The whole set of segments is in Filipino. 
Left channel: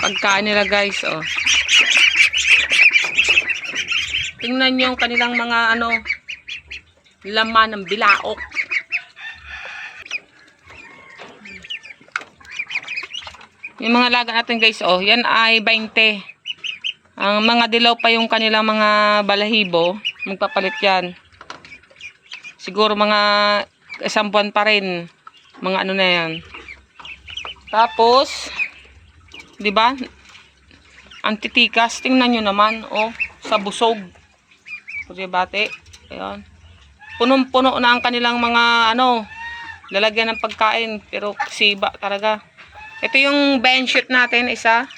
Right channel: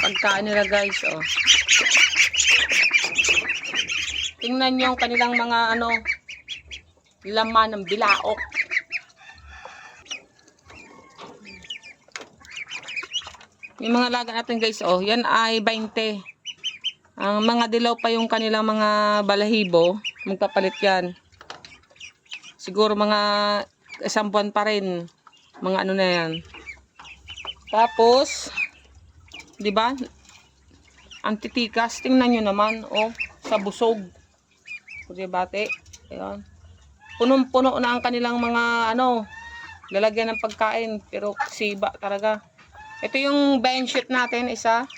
Pagkain nila guys, oh. Tingnan niyo yung kanilang mga ano, laman ng bilaok. Yung mga laga natin guys, oh, yan ay 20. Ang mga dilaw pa yung kanilang mga balahibo, magpapalit yan. Siguro mga isang buwan pa rin. Mga ano na yan. Tapos, di ba? Antitikas, tingnan nyo naman, oh, sa busog. Kuya bate, ayan. Punong-puno na ang kanilang mga, ano, lalagyan ng pagkain, pero siba talaga. Ito yung benchit natin, isa.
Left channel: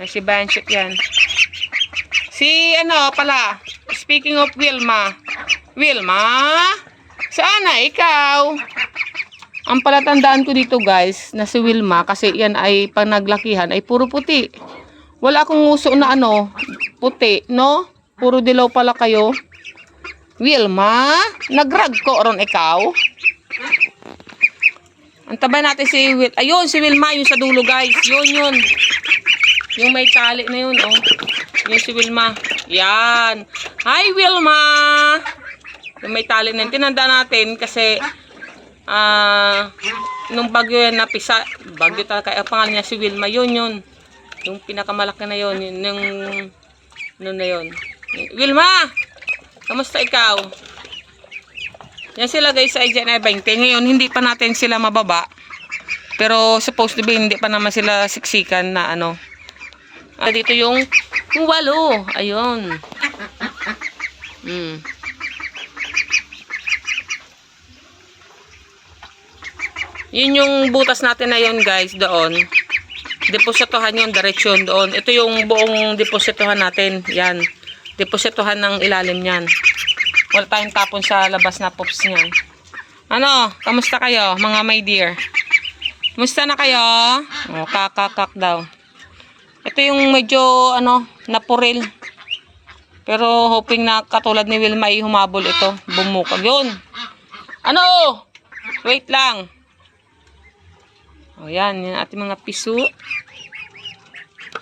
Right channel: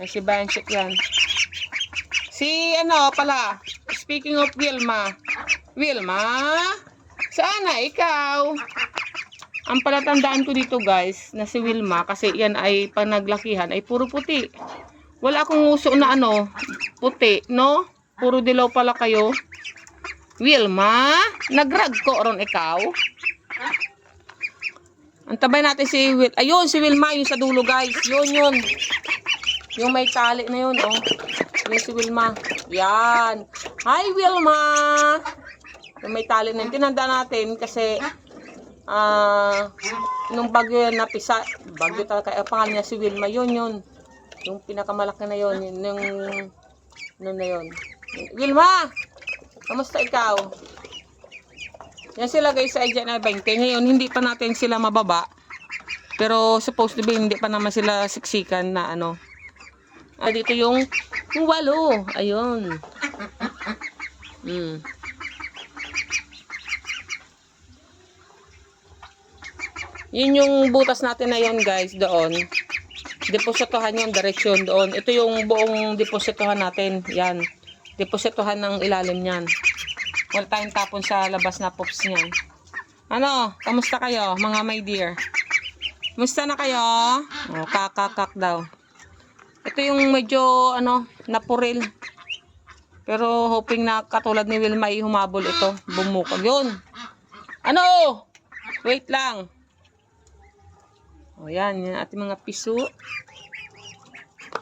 Si benchit yan. Si, ano, pala, speaking of Wilma. Wilma? Saan na ikaw? Ang palatandaan ko dito guys, na si Wilma, kasi yan ay pag naglakihan, ay puro puti. Wala akong uso na ano, puti, no? Puro dilaw pala kayo. Wilma, nagrag ko ron ikaw. Antabay natin si Will. Ayun, si Wilma, yung sa dulo guys. Yun. Yung may tali na yun, oh. Yun si Wilma. Yan. Hi, Wilma! Yung may tali na yun. Tinanda natin kasi nung bagyo yan napisa. Bagyo talaga. Ang pangalan niya si Wilma. Yun. Yung pinakamalaki na yun. Yung ano na yun. Wilma! Kamusta ikaw? Yan sila guys sa IGN 20. Ngayon, hindi pa natin sila mababa. Pero supposed to be, hindi pa naman sila siksikan na ano. Dito yung 8. Ayun. Yun yung butas natin na yun guys, doon. Depositohan yun, diretsyon doon. Ito yung buong depositohan natin. Yan. Depositohan ng ilalim yan. Wala tayong tapon sa labas na pops niyan. Ano? Kamusta kayo mga my dear? Kamusta na kayo? Oh, kakakak daw. Ito yung medyo ano, napuril. Pero hoping na katulad ni Wilma ay humabol ito. Bumukag yun. Ano? Wait lang. O yan ating mga piso.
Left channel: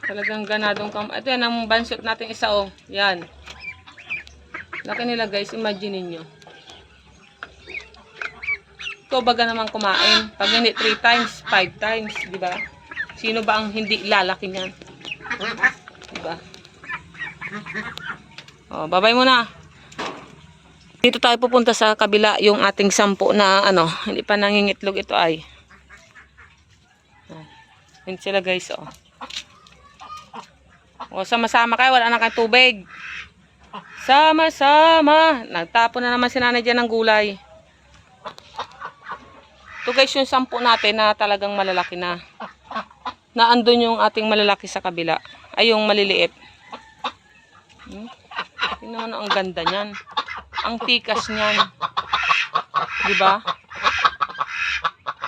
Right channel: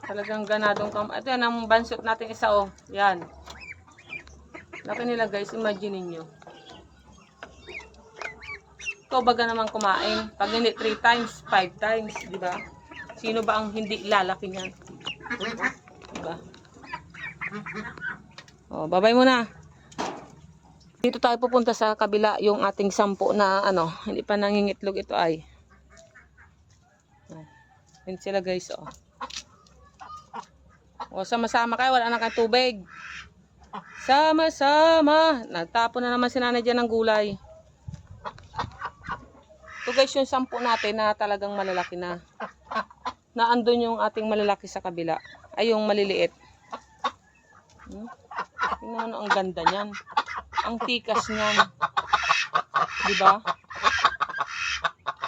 Talagang ganadong kam. Ito yan ang bansot natin isa oh. Yan. Laki nila guys, imagine niyo. Ito baga naman kumain. Pag hindi 3 times, 5 times, di ba? Sino ba ang hindi lalaki niyan? Diba? Oh, babay muna. Dito tayo pupunta sa kabila yung ating 10 na ano, hindi pa nangingitlog ito ay. Yan sila guys, oh. O, sama-sama kayo, wala na kayong tubig. Sama-sama. Nagtapon na naman si nanay dyan ng gulay. Ito guys yung 10 natin na talagang malalaki na. Naandun yung ating malalaki sa kabila. Ay yung maliliit. Tingnan mo ang ganda niyan. Ang tikas niyan. Diba?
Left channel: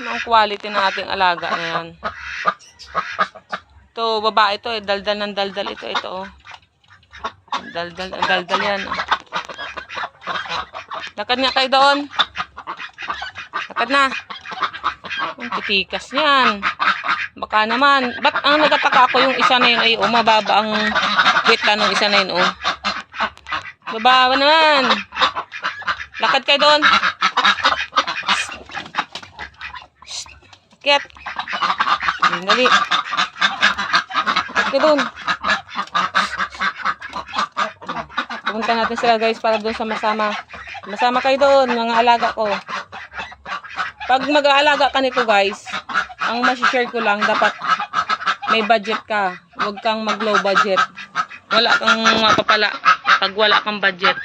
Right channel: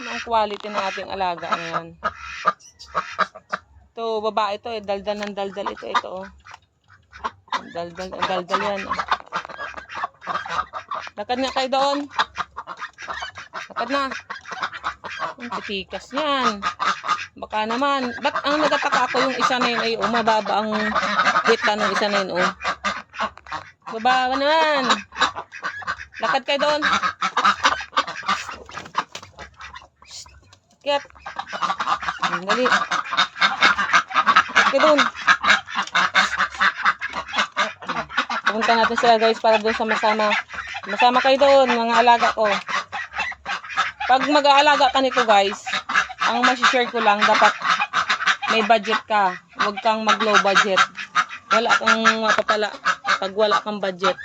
Ano ang quality ng ating alaga na yan. Ito babae ito eh. Daldal ng daldal ito. Ito oh. Daldal yan oh. Lakad nga kayo doon. Lakad na. Ang titikas niyan. Baka naman. Ba't ang nagataka ako yung isa na yun ay mababa ang kwita ng isa na yun oh. Bababa naman. Lakad kayo doon. Ket. Dali. Lakad kayo doon. Pupunta natin sila guys para doon sama-sama. Masama kayo doon mga alaga ko. Pag mag-aalaga ka nito guys, ang masishare ko lang, dapat may budget ka. Huwag kang mag-low budget. Wala kang mapapala pag wala kang budget.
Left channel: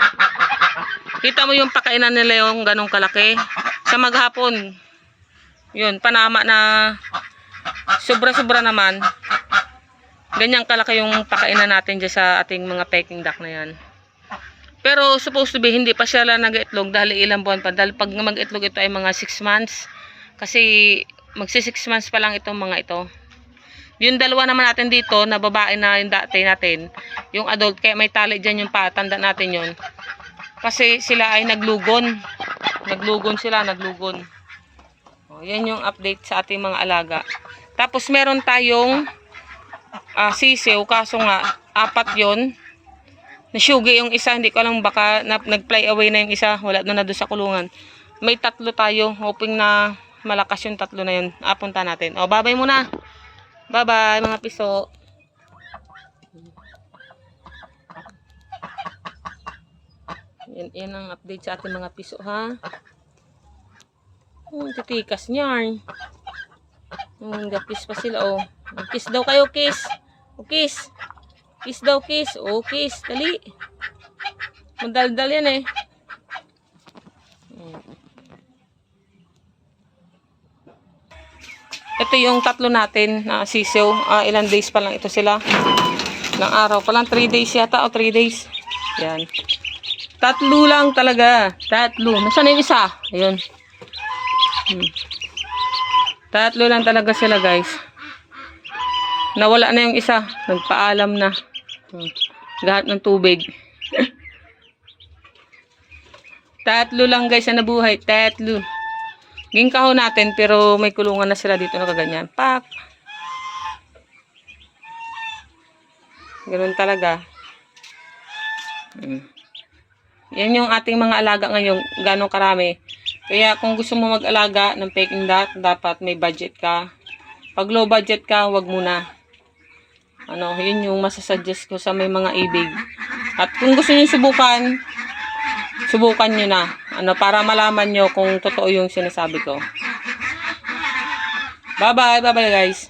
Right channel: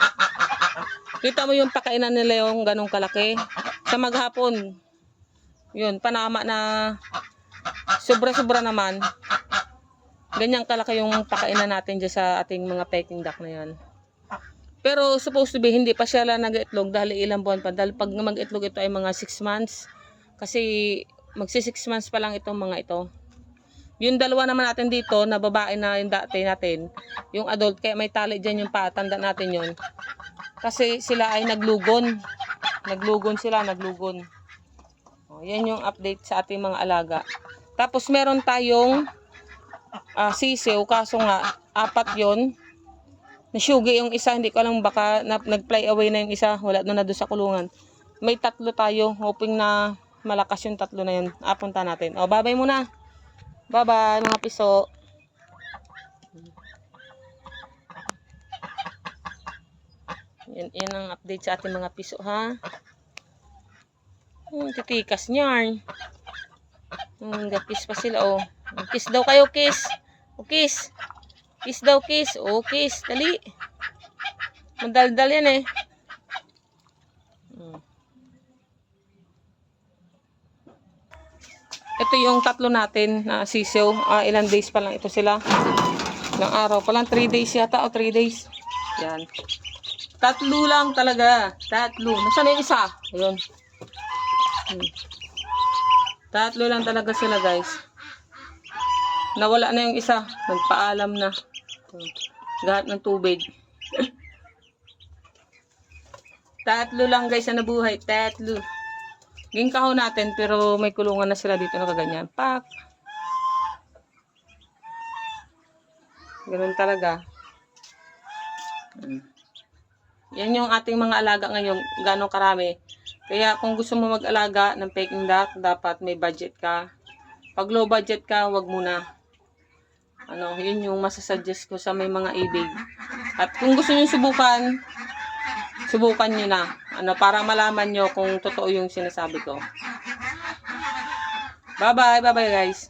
Kita mo yung pakainan nila yung ganong kalaki. Sa maghapon, yun, panama na sobra-sobra naman. Ganyang kalaki yung pakainan natin dyan sa ating mga peking duck na yan. Pero supposed to be, hindi pa sila nag-itlog dahil ilang buwan pa. Dahil pag mag-itlog ito ay mga 6 months. Kasi magsi 6 months pa lang itong mga ito. Yung dalawa naman natin dito na babae na yung dati natin, yung adult, kaya may tali dyan yung patanda natin yun. Kasi sila ay naglugon. Naglugon sila, naglugon. O, yan yung update sa ating mga alaga. Tapos meron tayong sisiw, kaso nga, 4 yon. Nasyugi yung isa, hindi ko alam baka nag-fly away na yung isa, wala na doon sa kulungan. May 3 tayo, hoping na malakas yung 3 na yun. Punta natin. O, bye-bye muna. Bye-bye mga piso. Yan ang update sa ating mga piso, ha? Titikas niyan. Gapis pa sila, oh. Kiss daw kayo, kiss. O, kiss. Kiss daw, kiss. O, kiss. Dali. Madaldal yan, eh. Ito yung 3 natin na sisiw. Ilang days pa lang ito sila. Ilang araw pa lang. 3 days yata o 3 days. Yan. 3 lang talaga. 3. Nasaan na yung isa? Ayun. 3 lang talaga sila, guys. Nawala na yung isa. Nagpaalam na. Gahat ng tubig. 3 lang, guys, na nabuhay. 3. Ginkaho natin, pero may kulungan na sila dito na kaganyan. Pak! Ganun talaga. Yan yung ating mga alaga ngayon. Gano'ng karami. Kaya kung gusto mo mag-alaga ng Peking Duck, dapat may budget ka. Pag low budget ka, wag muna. Yun yung masasuggest ko sa may mga ibig. At kung gusto niyo subukan, subukan nyo na. Para malaman nyo kung totoo yung sinasabi ko. Bye-bye. Bye-bye, guys.